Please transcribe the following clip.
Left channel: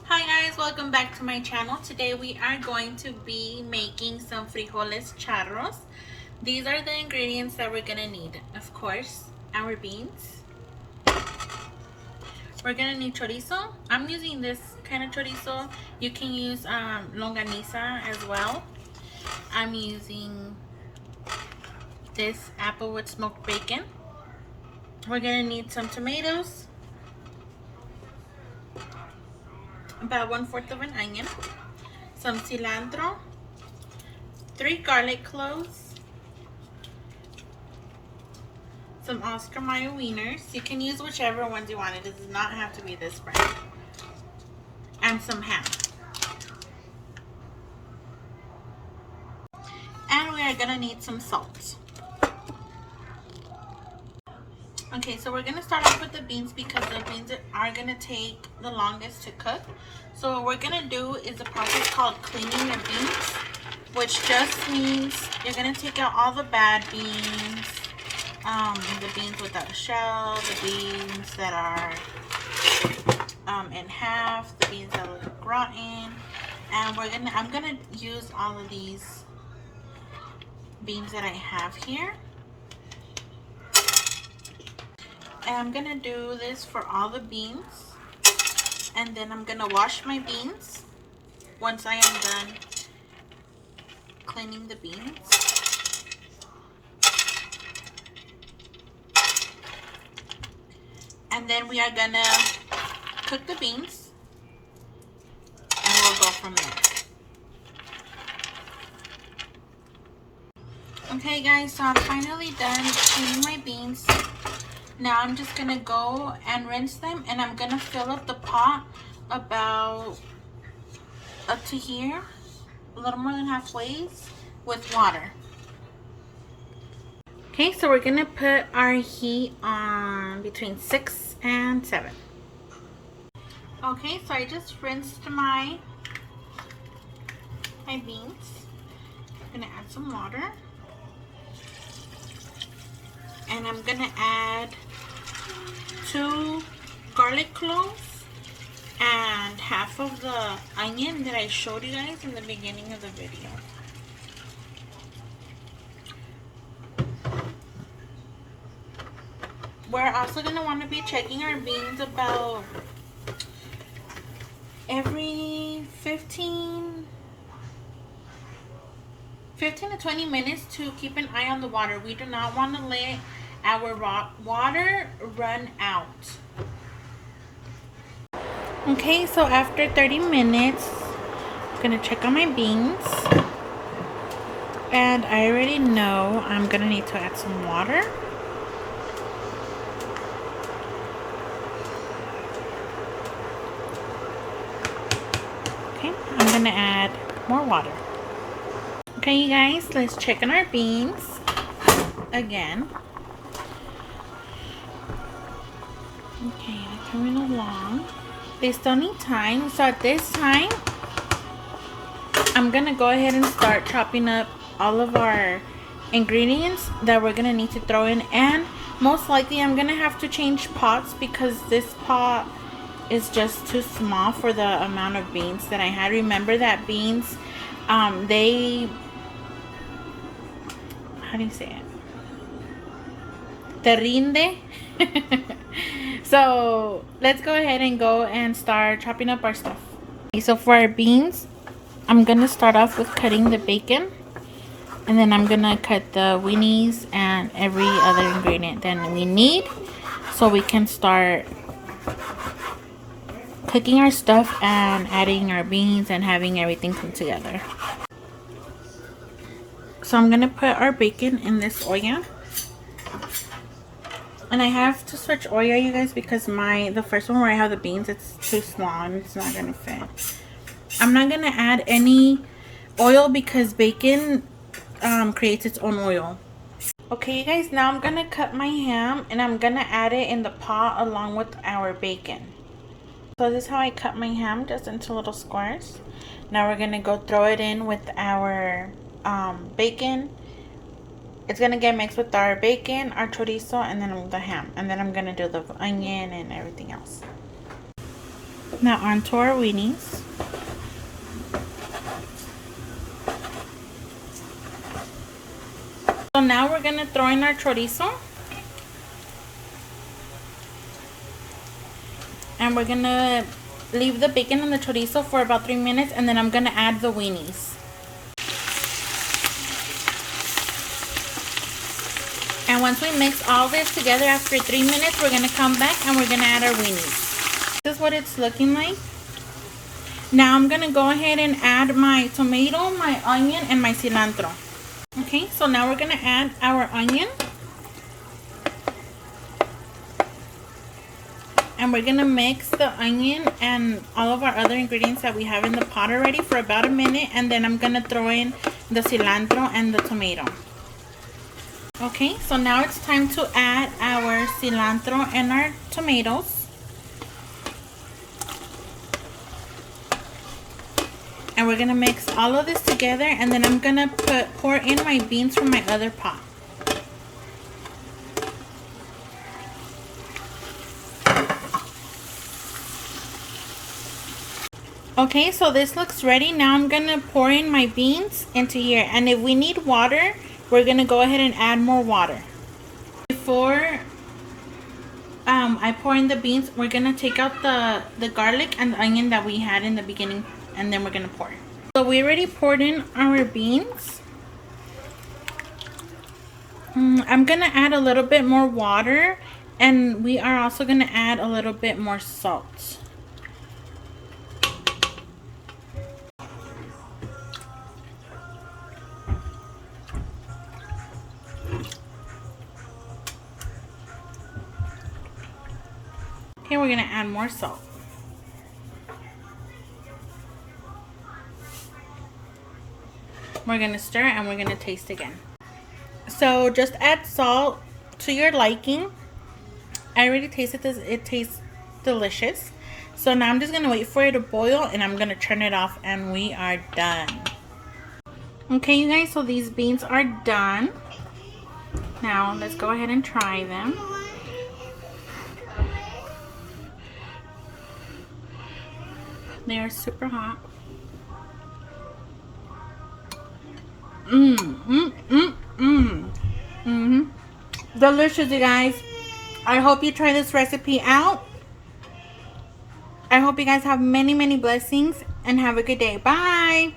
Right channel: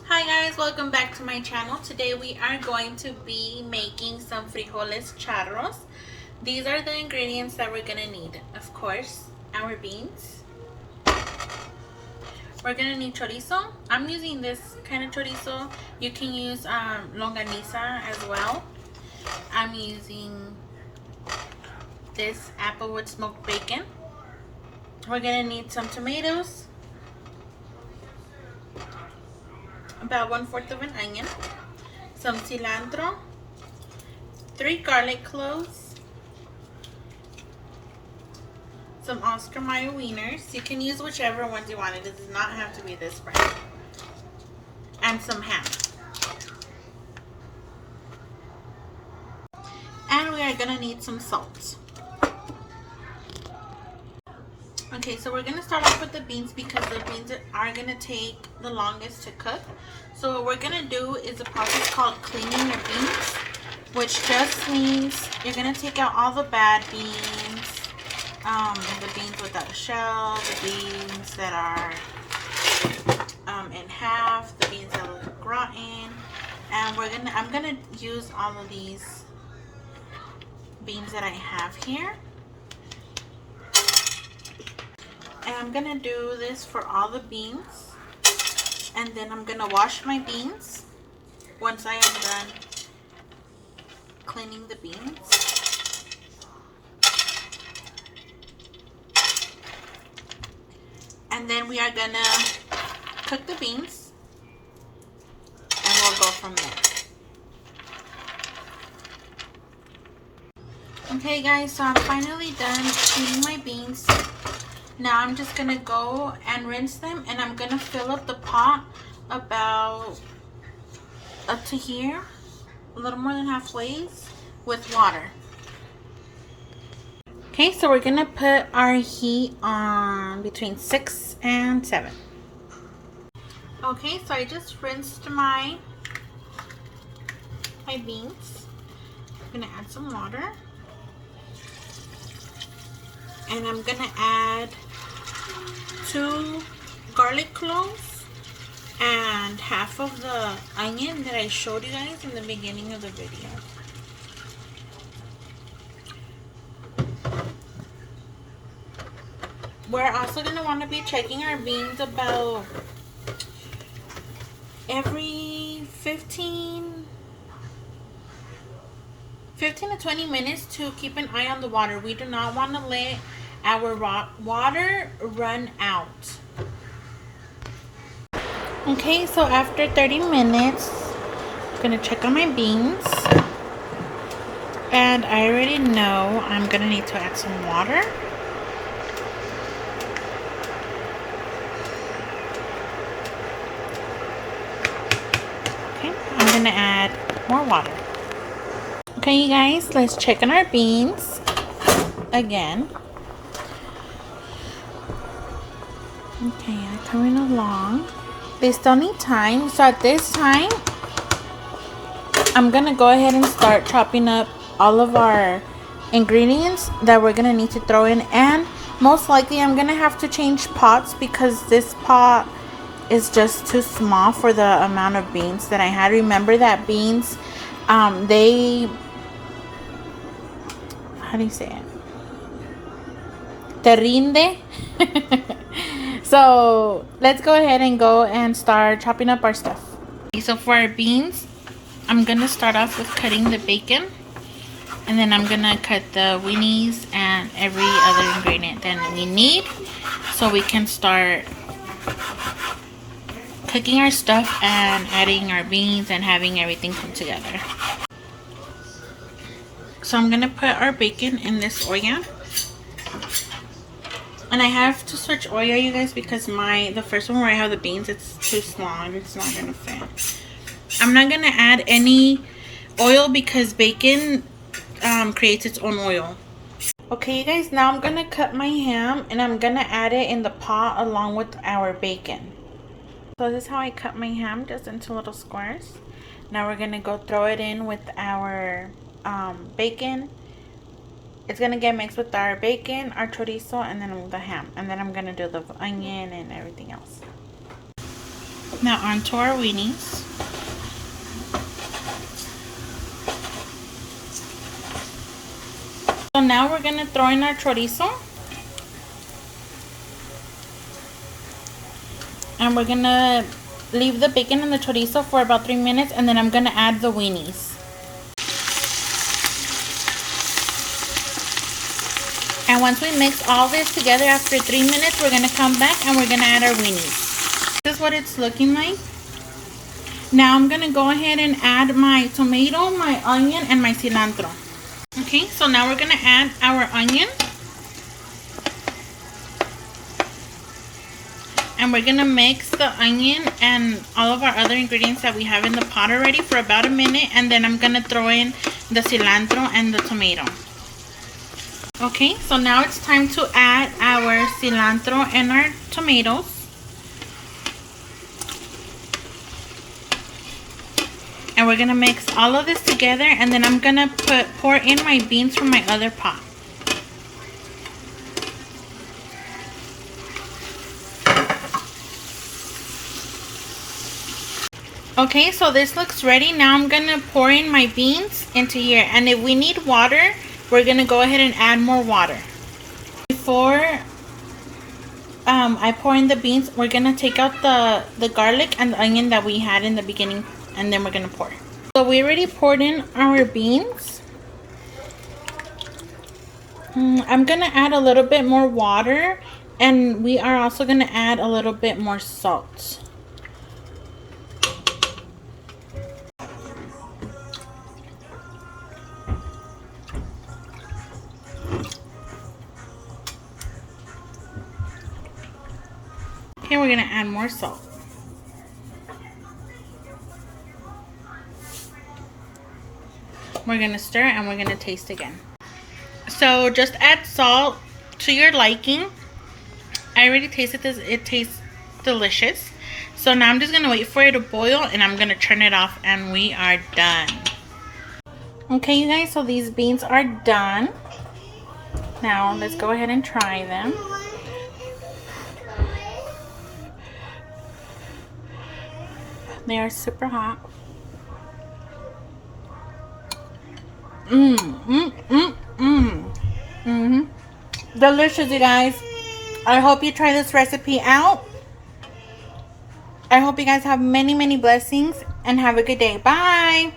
Hi guys, welcome back to my channel. Today we are going to be making some frijoles charros. These are the ingredients that we're gonna need. Of course, our beans. We're gonna need chorizo. I'm using this kind of chorizo. You can use longaniza as well. I'm using this applewood smoked bacon. We're gonna need some tomatoes, about 1/4 of an onion, some cilantro, 3 garlic cloves, some Oscar Mayer wieners. You can use whichever ones you want. It does not have to be this brand. And some ham. And we are gonna need some salt. Okay, so we're gonna start off with the beans because the beans are gonna take the longest to cook. So what we're gonna do is a process called cleaning the beans, which just means you're gonna take out all the bad beans, the beans without a shell, the beans that are in half, the beans that look rotten, and I'm gonna use all of these beans that I have here. And I'm gonna do this for all the beans, and then I'm gonna wash my beans once I am done cleaning the beans. And then we are gonna cook the beans, and we'll go from there. Okay guys, so I'm finally done cleaning my beans. Now I'm just gonna go and rinse them, and I'm gonna fill up the pot about up to here, a little more than halfway, with water. Okay, so we're gonna put our heat on between 6 and 7. Okay, so I just rinsed my beans. I'm gonna add some water, and I'm gonna add 2 garlic cloves and half of the onion that I showed you guys in the beginning of the video. We're also going to want to be checking our beans about every 15 to 20 minutes to keep an eye on the water. We do not want to let our water run out. Okay, so after 30 minutes, I'm going to check on my beans. And I already know I'm going to need to add some water. Okay, I'm going to add more water. Okay, you guys, let's check on our beans again. Okay, they're coming along. They still need time, so at this time, I'm going to go ahead and start chopping up all of our ingredients that we're going to need to throw in. And most likely, I'm going to have to change pots because this pot is just too small for the amount of beans that I had. Remember that beans, they... how do you say it? Te rinde. So let's go ahead and go and start chopping up our stuff. Okay, so for our beans, I'm gonna start off with cutting the bacon, and then I'm gonna cut the weenies and every other ingredient that we need, so we can start cooking our stuff and adding our beans and having everything come together. So I'm gonna put our bacon in this olla. And I have to switch oil, you guys, because the first one where I have the beans, it's too small and it's not gonna fit. I'm not gonna add any oil because bacon creates its own oil. Okay, you guys, now I'm gonna cut my ham and I'm gonna add it in the pot along with our bacon. So this is how I cut my ham, just into little squares. Now we're gonna go throw it in with our bacon. It's gonna get mixed with our bacon, our chorizo, and then the ham. And then I'm gonna do the onion and everything else. Now onto our weenies. So now we're going to throw in our chorizo. And we're going to leave the bacon and the chorizo for about 3 minutes, and then I'm going to add the weenies. And once we mix all this together after 3 minutes, we're going to come back and we're going to add our weenies. This is what it's looking like. Now I'm going to go ahead and add my tomato, my onion, and my cilantro. Okay, so now we're going to add our onion. And we're going to mix the onion and all of our other ingredients that we have in the pot already for about a minute. And then I'm going to throw in the cilantro and the tomato. Okay, so now it's time to add our cilantro and our tomatoes. And we're going to mix all of this together, and then I'm going to pour in my beans from my other pot. Okay, so this looks ready. Now I'm going to pour in my beans into here. And if we need water, we're going to go ahead and add more water. Before I pour in the beans, we're going to take out the garlic and the onion that we had in the beginning, and then we're going to pour. So we already poured in our beans. I'm going to add a little bit more water, and we are also going to add a little bit more salt. Okay, we're going to add more salt. We're going to stir and we're going to taste again. So just add salt to your liking. I already tasted this. It tastes delicious. So now I'm just going to wait for it to boil, and I'm going to turn it off, and we are done. Okay, you guys, so these beans are done. Now let's go ahead and try them. They are super hot. Delicious, you guys. I hope you try this recipe out. I hope you guys have many, many blessings, and have a good day. Bye.